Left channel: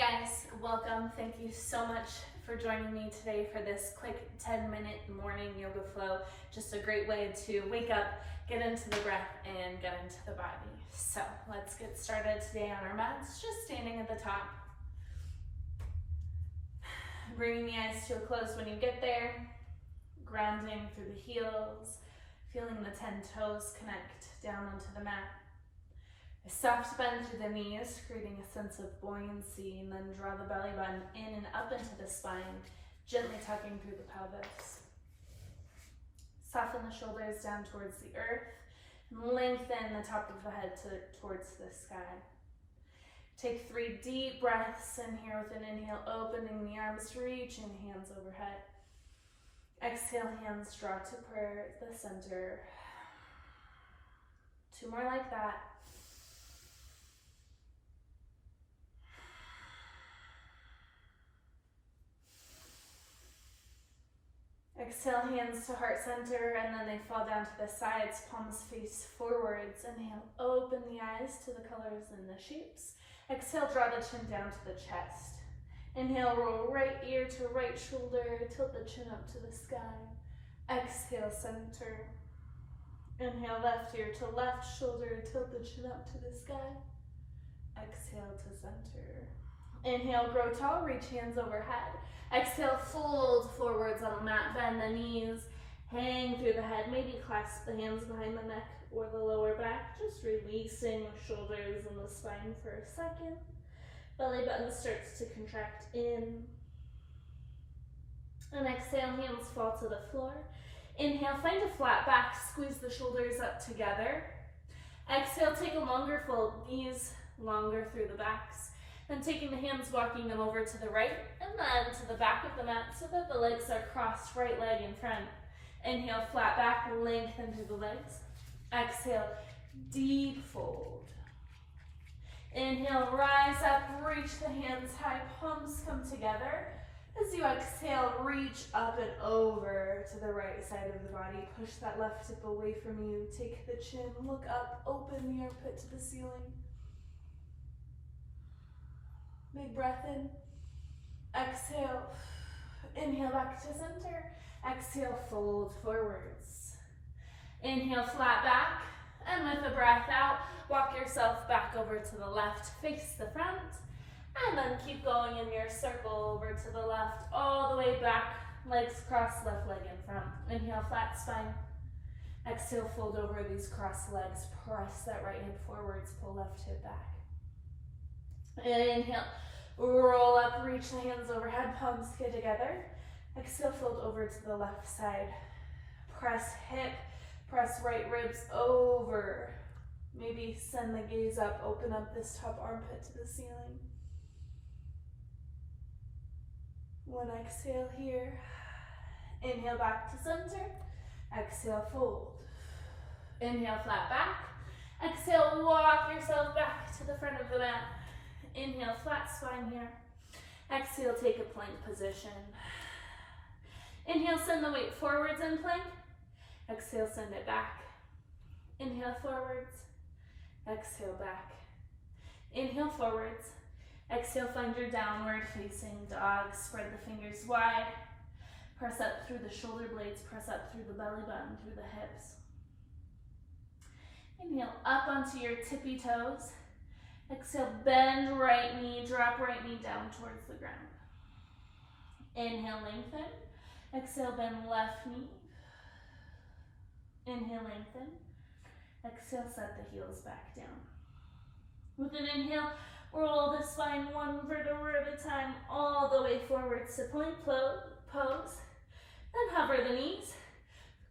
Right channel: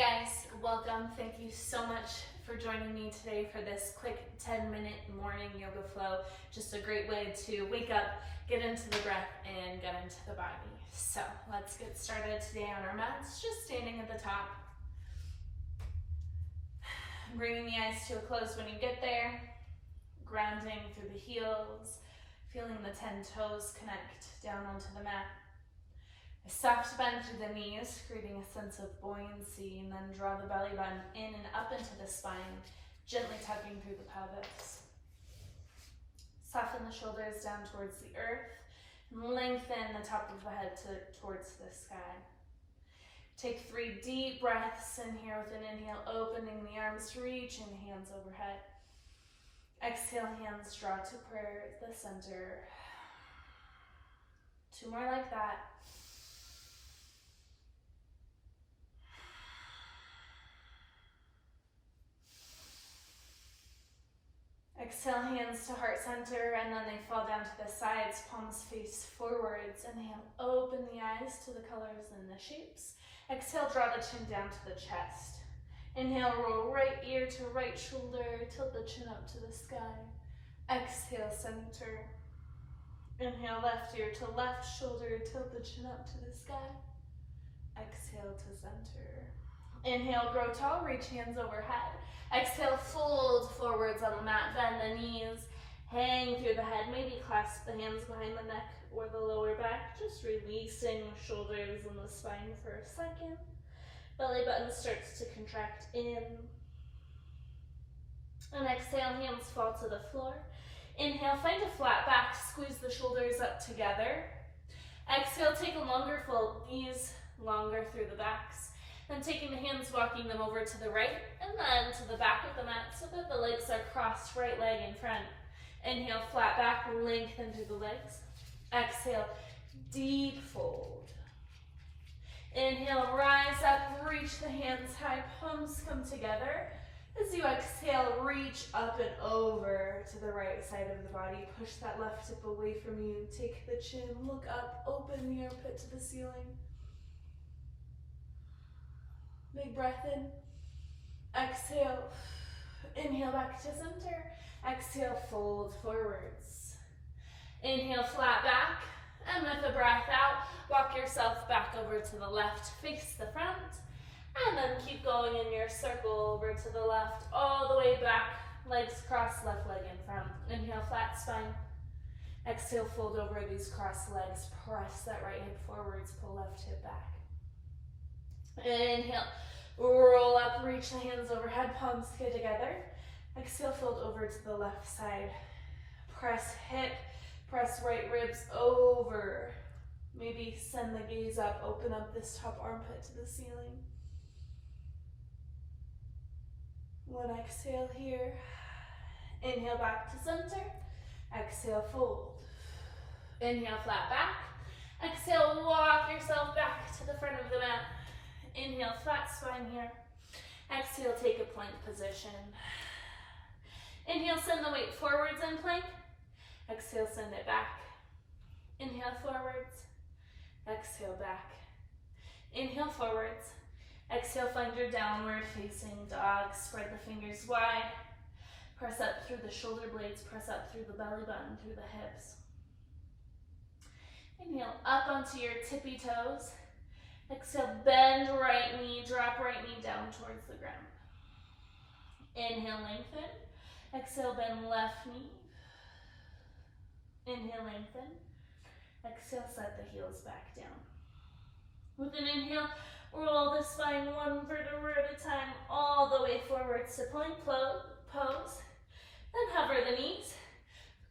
guys, welcome. Thank you so much for joining me today for this quick 10-minute morning yoga flow. Just a great way to wake up, get into the breath, and get into the body. So let's get started today on our mats, just standing at the top. Bringing the eyes to a close when you get there, grounding through the heels, feeling the 10 toes connect down onto the mat. A soft bend through the knees, creating a sense of buoyancy, and then draw the belly button in and up into the spine, gently tucking through the pelvis. Soften the shoulders down towards the earth, and lengthen the top of the head towards the sky. Take 3 deep breaths in here with an inhale, opening the arms, reaching hands overhead. Exhale, hands draw to prayer at the center. 2 more like that. Exhale, hands to heart center, and then they fall down to the sides, palms face forwards. Inhale, open the eyes to the colors and the shapes. Exhale, draw the chin down to the chest. Inhale, roll right ear to right shoulder, tilt the chin up to the sky. Exhale, center. Inhale, left ear to left shoulder, tilt the chin up to the sky. Exhale to center. Inhale, grow tall, reach hands overhead. Exhale, fold forwards on the mat, bend the knees, hang through the head, maybe clasp the hands behind the neck or the lower back, just releasing shoulders and the spine for a second. Belly button starts to contract in. And exhale, hands fall to the floor. Inhale, find a flat back, squeeze the shoulders up together. Exhale, take a longer fold, knees longer through the backs. Then taking the hands, walking them over to the right and then to the back of the mat so that the legs are crossed, right leg in front. Inhale, flat back, lengthen through the legs. Exhale, deep fold. Inhale, rise up, reach the hands high, palms come together. As you exhale, reach up and over to the right side of the body. Push that left hip away from you. Take the chin, look up, open the armpit to the ceiling. Big breath in. Exhale. Inhale back to center. Exhale, fold forwards. Inhale, flat back. And with a breath out, walk yourself back over to the left, face the front. And then keep going in your circle over to the left, all the way back. Legs crossed, left leg in front. Inhale, flat spine. Exhale, fold over these crossed legs. Press that right hip forwards, pull left hip back. Inhale, roll up, reach the hands overhead, palms get together. Exhale, fold over to the left side. Press hip, press right ribs over. Maybe send the gaze up, open up this top armpit to the ceiling. 1 exhale here. Inhale back to center. Exhale, fold. Inhale, flat back. Exhale, walk yourself back to the front of the mat. Inhale, flat spine here. Exhale, take a plank position. Inhale, send the weight forwards in plank. Exhale, send it back. Inhale, forwards. Exhale, back. Inhale, forwards. Exhale, find your downward facing dog. Spread the fingers wide. Press up through the shoulder blades. Press up through the belly button, through the hips. Inhale, up onto your tippy toes. Exhale, bend right knee, drop right knee down towards the ground. Inhale, lengthen. Exhale, bend left knee. Inhale, lengthen. Exhale, set the heels back down. With an inhale, roll the spine 1 vertebra at a time, all the way forwards to plank pose. Then hover the knees.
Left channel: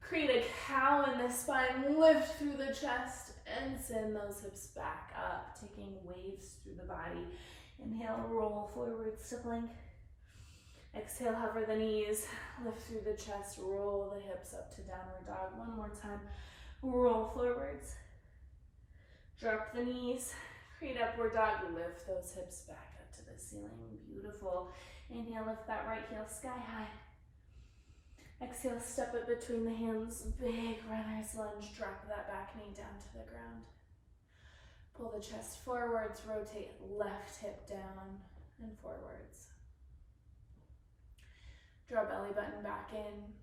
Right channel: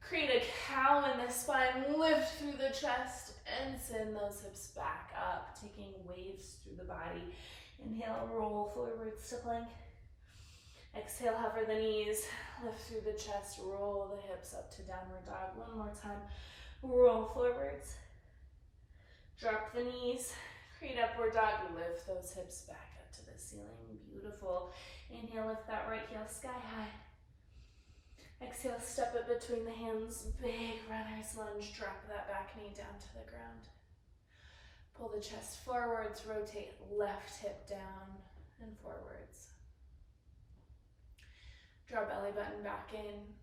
Create a cow in the spine, lift through the chest. And send those hips back up, taking waves through the body. Inhale, roll forwards to plank. Exhale, hover the knees, lift through the chest, roll the hips up to downward dog. 1 more time, roll forwards. Drop the knees, create upward dog, lift those hips back up to the ceiling. Beautiful. Inhale, lift that right heel sky high. Exhale, step it between the hands, big runner's lunge, drop that back knee down to the ground. Pull the chest forwards, rotate left hip down, and forwards. Draw belly button back in.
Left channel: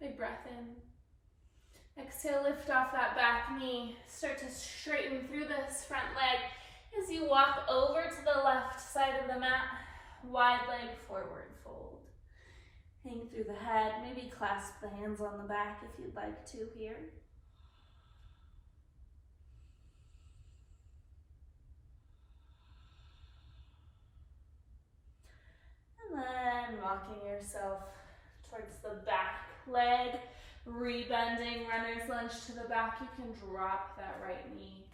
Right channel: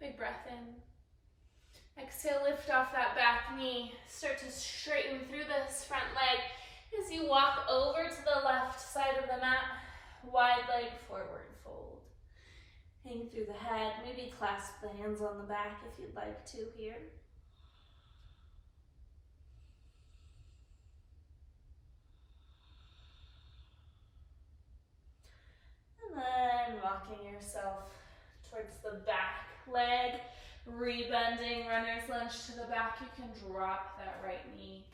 Big breath in. Exhale, lift off that back knee. Start to straighten through this front leg as you walk over to the left side of the mat. Wide leg forward fold. Hang through the head. Maybe clasp the hands on the back if you'd like to here. And then walking yourself towards the back leg, rebending, runner's lunge to the back. You can drop that right knee,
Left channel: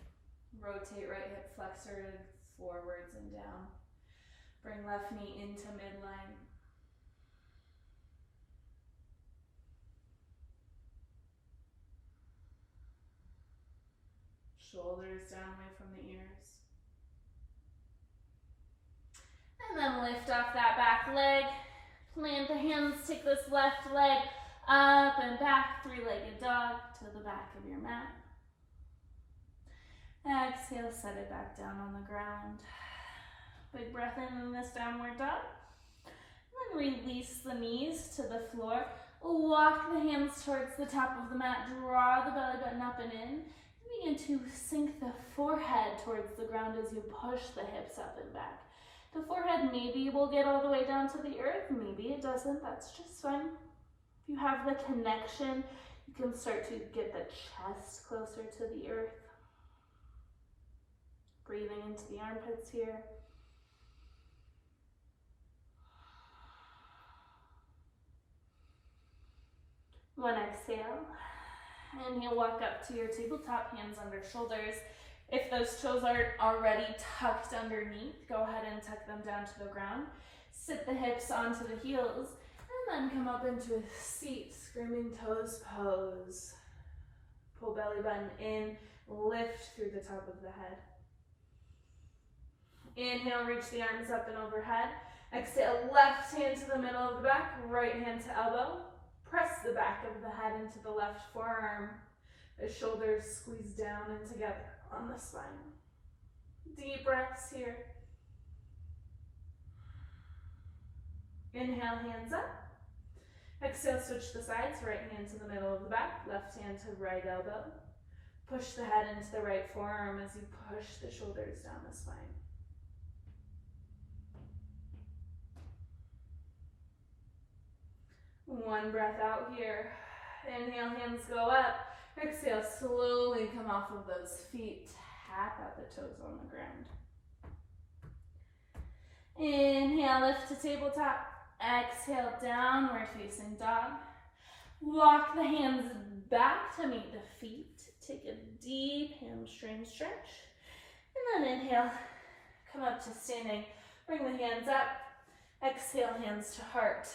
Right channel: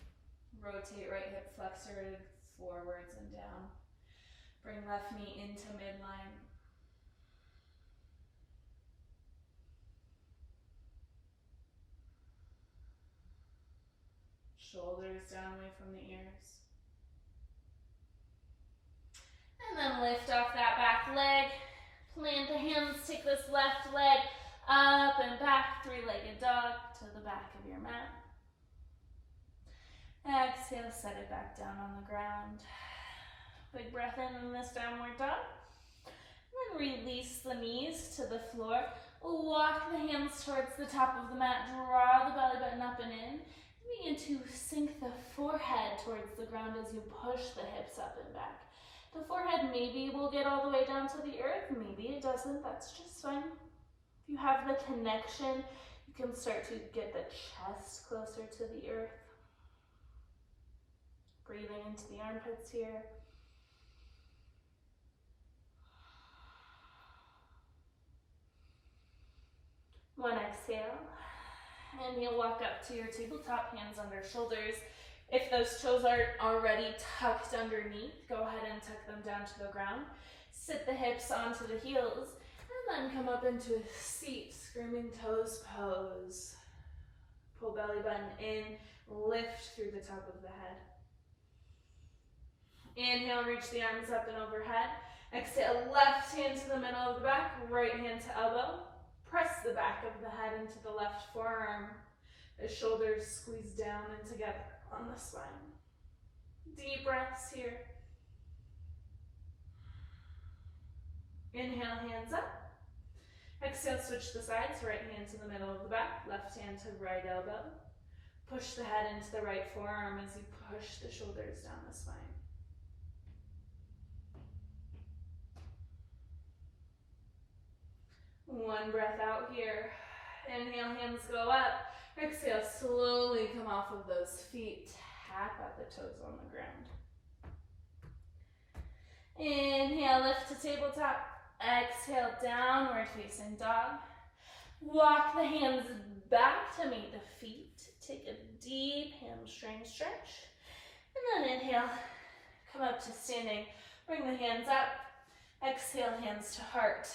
rotate right hip flexor forwards and down. Bring left knee into midline. Shoulders down away from the ears. And then lift off that back leg. Plant the hands, take this left leg up and back, three-legged dog to the back of your mat. Exhale, set it back down on the ground. Big breath in this downward dog. And then release the knees to the floor. Walk the hands towards the top of the mat. Draw the belly button up and in. Begin to sink the forehead towards the ground as you push the hips up and back. The forehead maybe will get all the way down to the earth, maybe it doesn't, that's just fine. If you have the connection, you can start to get the chest closer to the earth. Breathing into the armpits here. One exhale, and you'll walk up to your tabletop, hands under shoulders. If those toes aren't already tucked underneath, go ahead and tuck them down to the ground. Sit the hips onto the heels, and then come up into a seat, screaming toes pose. Pull belly button in, lift through the top of the head. Inhale, reach the arms up and overhead. Exhale, left hand to the middle of the back, right hand to elbow. Press the back of the head into the left forearm. The shoulders squeeze down and together on the spine. Deep breaths here. Inhale, hands up. Exhale, switch the sides. Right hand to the middle of the back, left hand to right elbow. Push the head into the right forearm as you push the shoulders down the spine. One breath out here. Inhale, hands go up. Exhale, slowly come off of those feet. Tap out the toes on the ground. Inhale, lift to tabletop. Exhale, downward facing dog. Walk the hands back to meet the feet. Take a deep hamstring stretch. And then inhale, come up to standing. Bring the hands up. Exhale, hands to heart.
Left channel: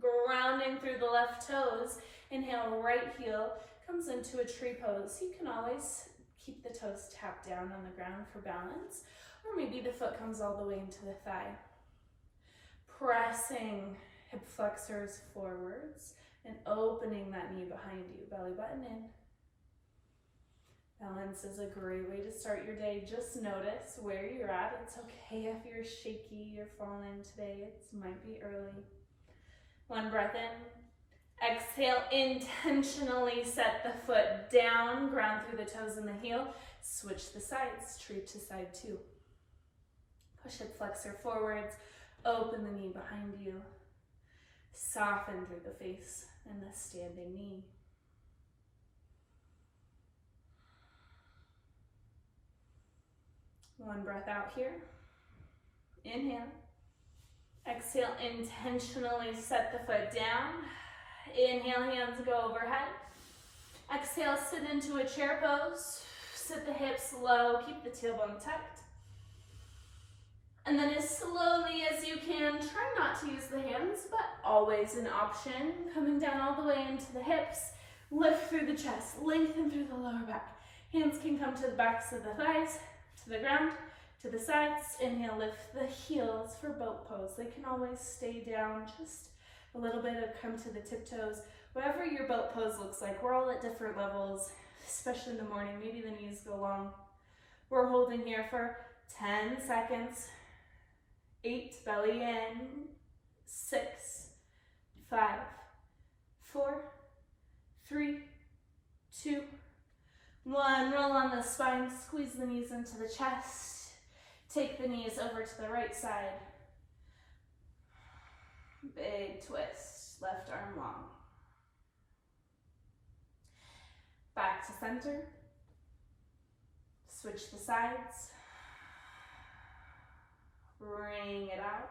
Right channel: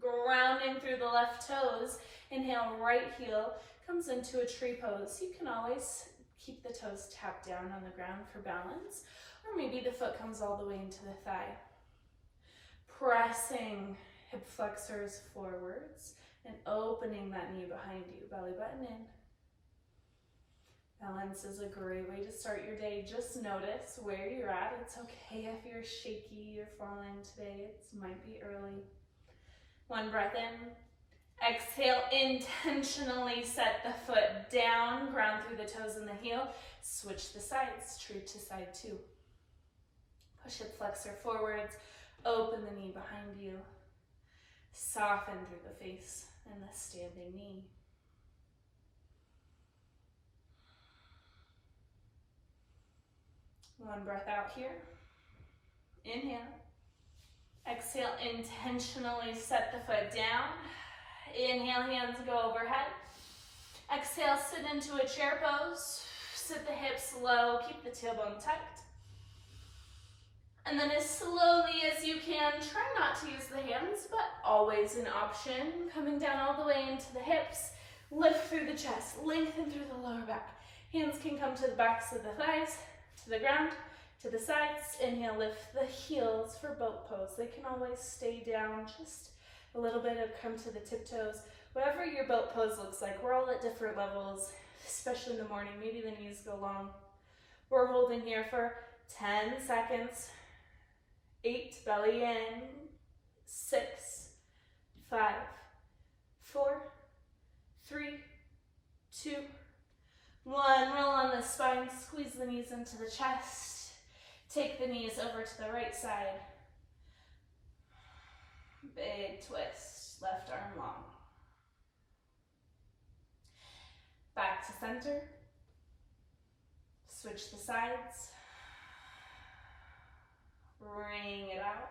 Grounding through the left toes. Inhale, right heel comes into a tree pose. You can always keep the toes tapped down on the ground for balance, or maybe the foot comes all the way into the thigh. Pressing hip flexors forwards and opening that knee behind you, belly button in. Balance is a great way to start your day. Just notice where you're at. It's okay if you're shaky, you're falling today. It might be early. One breath in. Exhale, intentionally set the foot down, ground through the toes and the heel. Switch the sides, tree to side two. Push hip flexor forwards, open the knee behind you. Soften through the face and the standing knee. One breath out here. Inhale. Exhale, intentionally set the foot down. Inhale, hands go overhead. Exhale, sit into a chair pose. Sit the hips low, keep the tailbone tucked. And then as slowly as you can, try not to use the hands, but always an option. Coming down all the way into the hips, lift through the chest, lengthen through the lower back. Hands can come to the backs of the thighs, to the ground, to the sides. Inhale, lift the heels for boat pose. They can always stay down, just a little bit of come to the tiptoes. Whatever your boat pose looks like, we're all at different levels, especially in the morning. Maybe the knees go long. We're holding here for 10 seconds. 8, belly in. 6, 5, 4, 3, 2, 1. Roll on the spine, squeeze the knees into the chest. Take the knees over to the right side. Big twist, left arm long. Back to center. Switch the sides. Bring it out.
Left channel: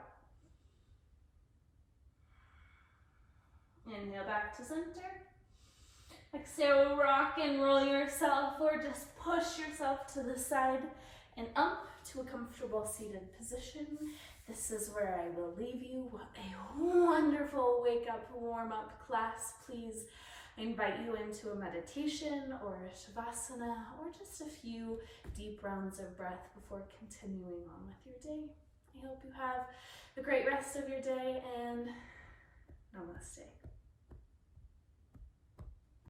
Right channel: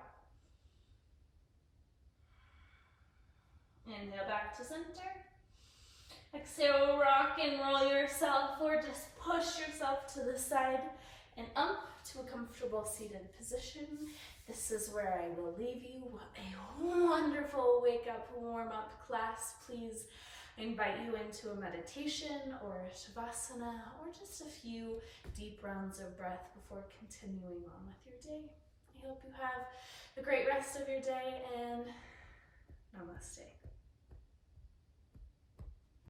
Inhale back to center. Exhale, rock and roll yourself, or just push yourself to the side and up to a comfortable seated position. This is where I will leave you. What a wonderful wake up, warm up class. Please, I invite you into a meditation or a shavasana or just a few deep rounds of breath before continuing on with your day. I hope you have a great rest of your day, and namaste.